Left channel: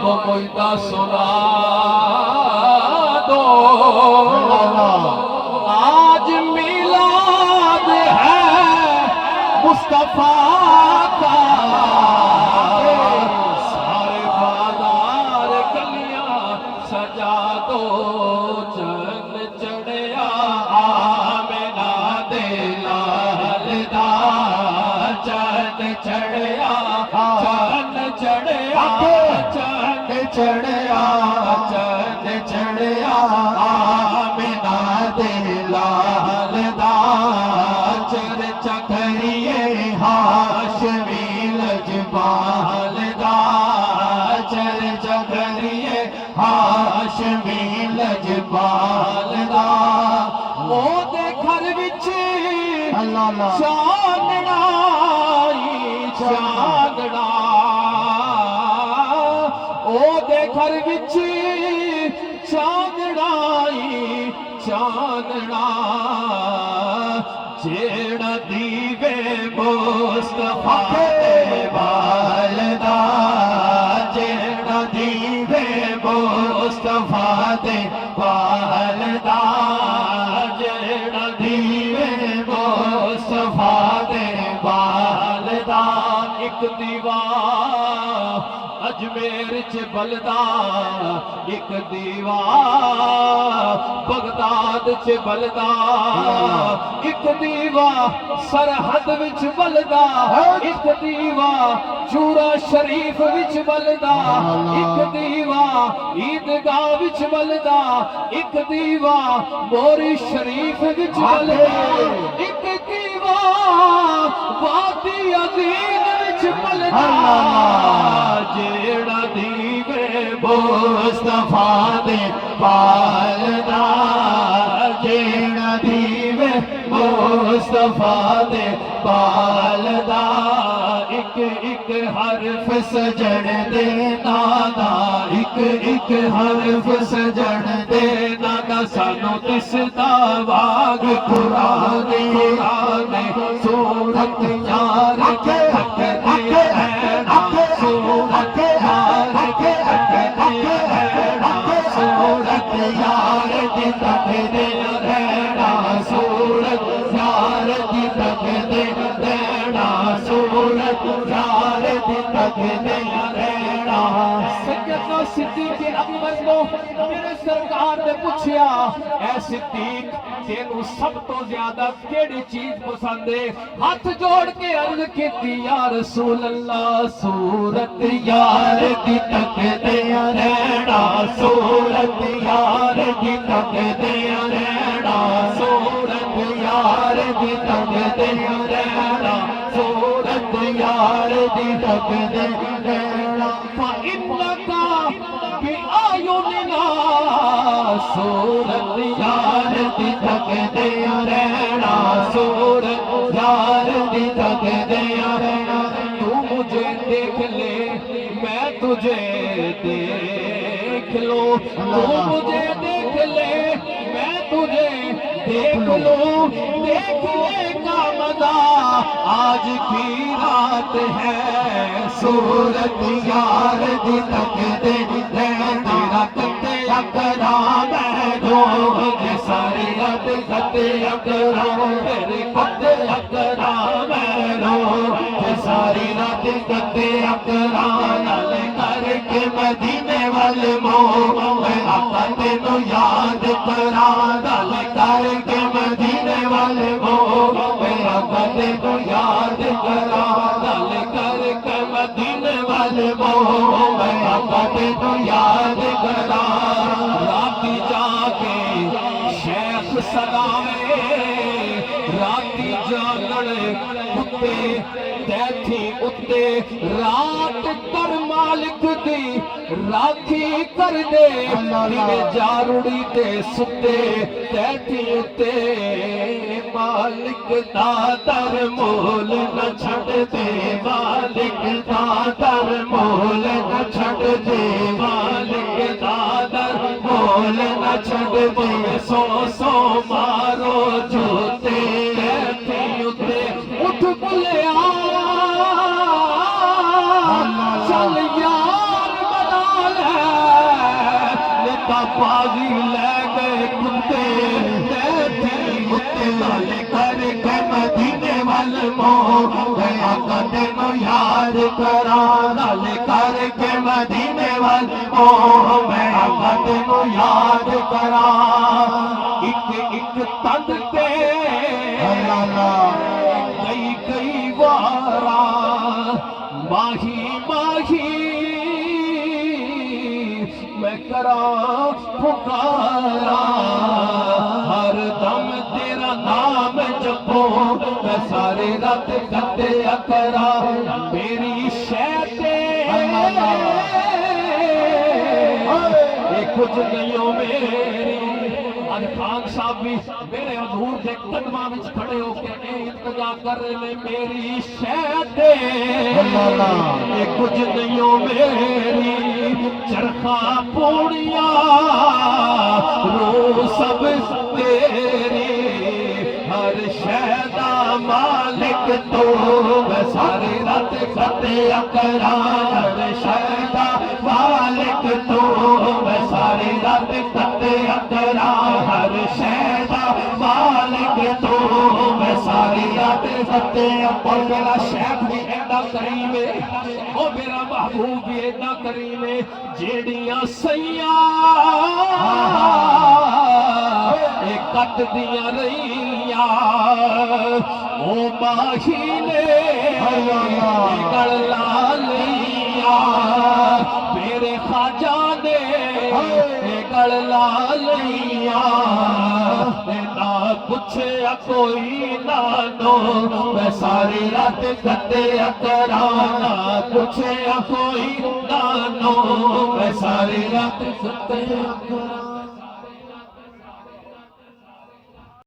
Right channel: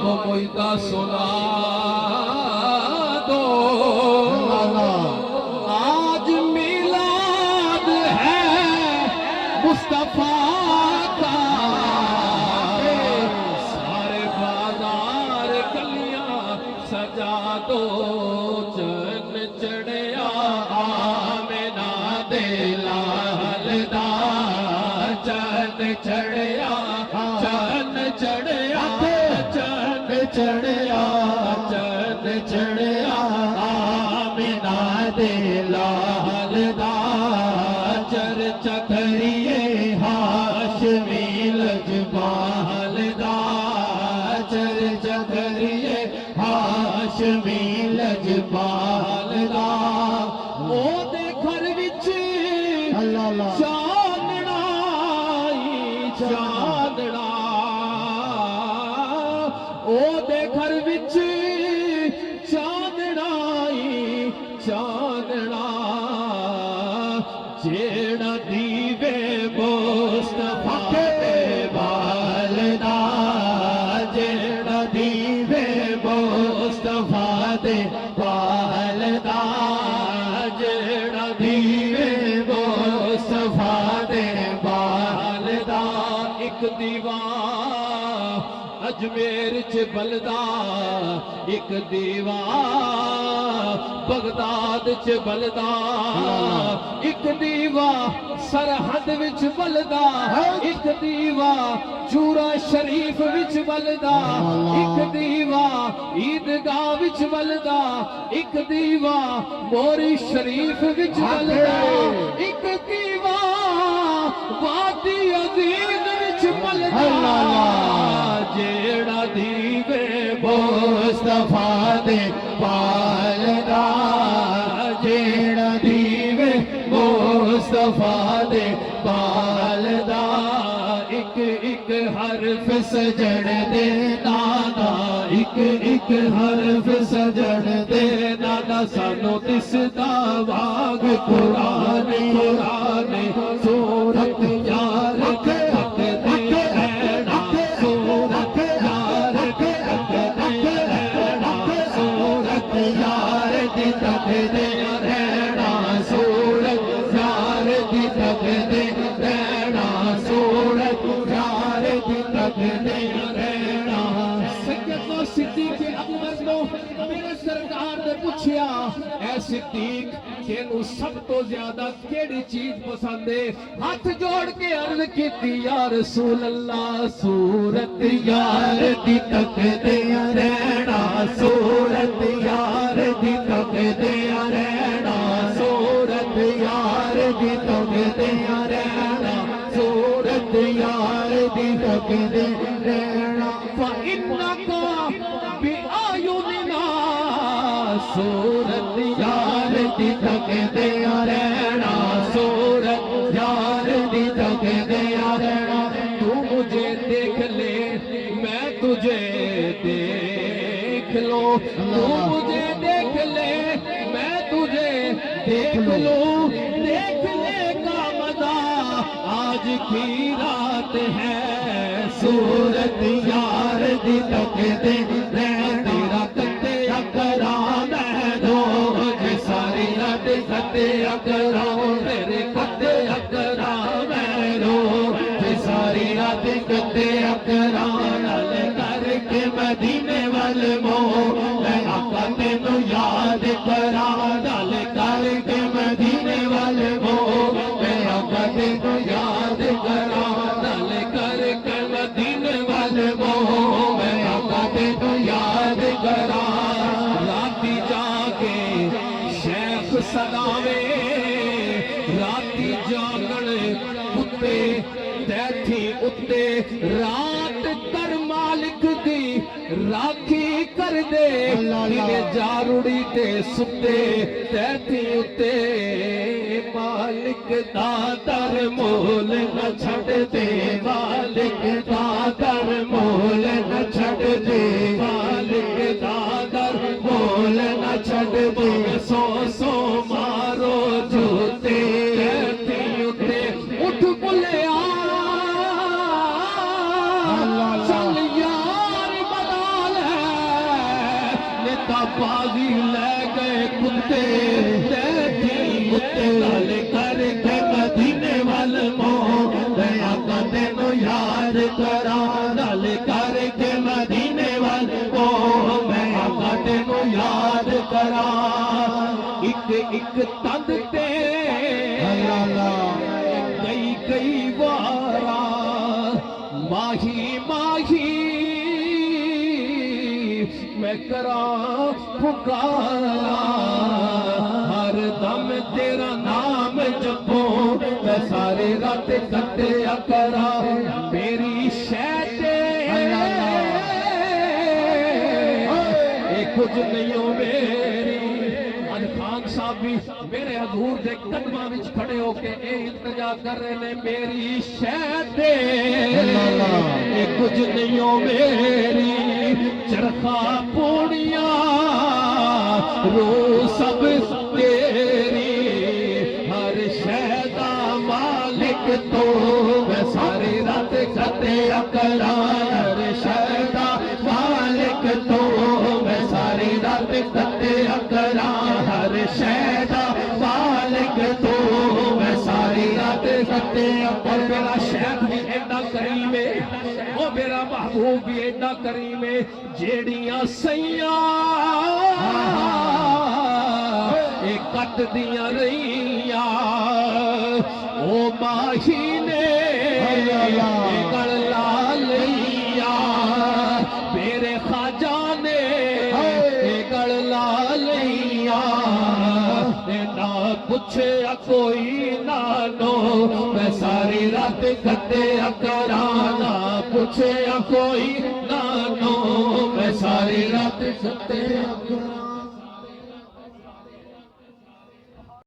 تو کوئی دا سنا دو آج میلاد ہے مصطفیٰ کا سارے بازار گلیاں سجا دو چند چڑھیا آمنہ دے لال دا چند چڑھیا چند چڑھیا چند چڑھیا چند چڑھیا آمنہ دے لال دا چرچا کریے ہاشمی لجپال دا چرچا کریے ہاشمی لجپال دا او دے گھر وچ چاندنا چاندنا او دے گھر وچ چاندنا چاندنا جیڑا دیوے مصطفیٰ دے والدا جیڑا دیوے مصطفیٰ دے والدا جیڑا دیوے مصطفیٰ دے والدا ایک دیوا اجمیر چ بلدا ایک دیوا بغداد چ بلدا ایک دیوا سرحد وچ بلدا ایک دیوا چورا شریف وچ بلدا ایک دیوا عیدگاہ وچ بلدا ایک دیوا موری شریف وچ بلدا ایک دیوا وادی عظیم وچ بلدا جیڑا دیوے مصطفیٰ دے والدا جیڑا دیوے مصطفیٰ دے والدا ایک ایک حرف سجن دے نانا ایک ایک حرف سجن دے نانا سانو دسدا واگ قرآن قرآن سورت یار کے حق دے اینا سورت یار کے حق دے اینا سورت یار دی تک دے رہنا سورت یار دی تک دے رہنا سورت یار دی تک دے رہنا سیدنا صدیق اکبر کو میرے سرکار نے پوچھیا اے صدیق تینوں سب تو زیادہ کیڑی چیز پسند ہے ہاتھ جوڑ کے عرض کیتی یا رسول اللہ سورت یار دی تک دے رہنا سورت یار دی تک دے رہنا سورت یار دی تک دے رہنا سورت یار دی تک دے رہنا فَإِنَّكَ بِأَعْيُنِنَا سورت یار دی تک دے رہنا سورت یار دی تک دے رہنا تو مجھے دیکھ لے میں تجھے دیکھ لو تو مجھے دیکھ لے میں تجھے دیکھ لو دیکھنے کا مزہ آج کی رات ہے سورت یار دی تک دے رہنا تیرا کتے کرام ہے روز ساری رات کتے کرام تیرے کتے کرام ہے روز ساری رات کتے کرام نال کر کے مدینے والے مو میں آقا تینوں یاد کراں نال کر کے مدینے والے مو میں آقا تینوں یاد کراں نال کر کے مدینے والے مو میں آقا تینوں یاد کراں راتی جا کے شیخ سلاوے راتی جاگڑے کتے تیتھی اتے رات کر مالک دی راکھی کر دے میں جاروڑی تے ستے تیتھی اتے مالک دا در مول نہ چھڑ دے مالک دا در مول نہ چھڑ دے مالک دا در مول نہ چھڑ دے سو سو مارو جوتے تیتھی اتے اٹھ بلیا چل یار بنا بازی لے گئے کتے تیری کتے نال کر کے مدینے وال موڑ میں آقا تینوں یاد کرا نال کر کے مدینے وال موڑ میں آقا تینوں یاد کرا ایک ایک تند تے کئی کئی وارا ماہی ماہی میں کراں پکارا ہر دم تیرا نام جپوں میں سارے رات کٹیا کرا میری شہتے اے کچھ نہیں ہو میری آج خان صاحب بھی میرے حضور دے قدماں وچ کھڑے ہو کے اے التجا کر رہے نے میری شہتے اے کچھ نہیں ہو میری چرخا پوڑیا رو سب تیری ہر شہدہ مالک تو میں ساری رات کٹیا کرا ہر شہدہ مالک تو میں ساری رات کٹیا کرا ہر شہدہ مالک تو میں ساری رات کٹیا اور میرا شیخ بھی ایڈا کریم ہے وہ میرا محبوب بھی ایڈا کریم ہے جیڑیاں سیاں اے کٹ دیاں رہیاں او ماہی نے گڑ لا لیا میرے خواجہ نے گڑ لا لیا نہ پوچھیا کوئی نانو میں ساری رات کٹیا کرا نہ پوچھیا کوئی نانو میں ساری رات کٹیا کرا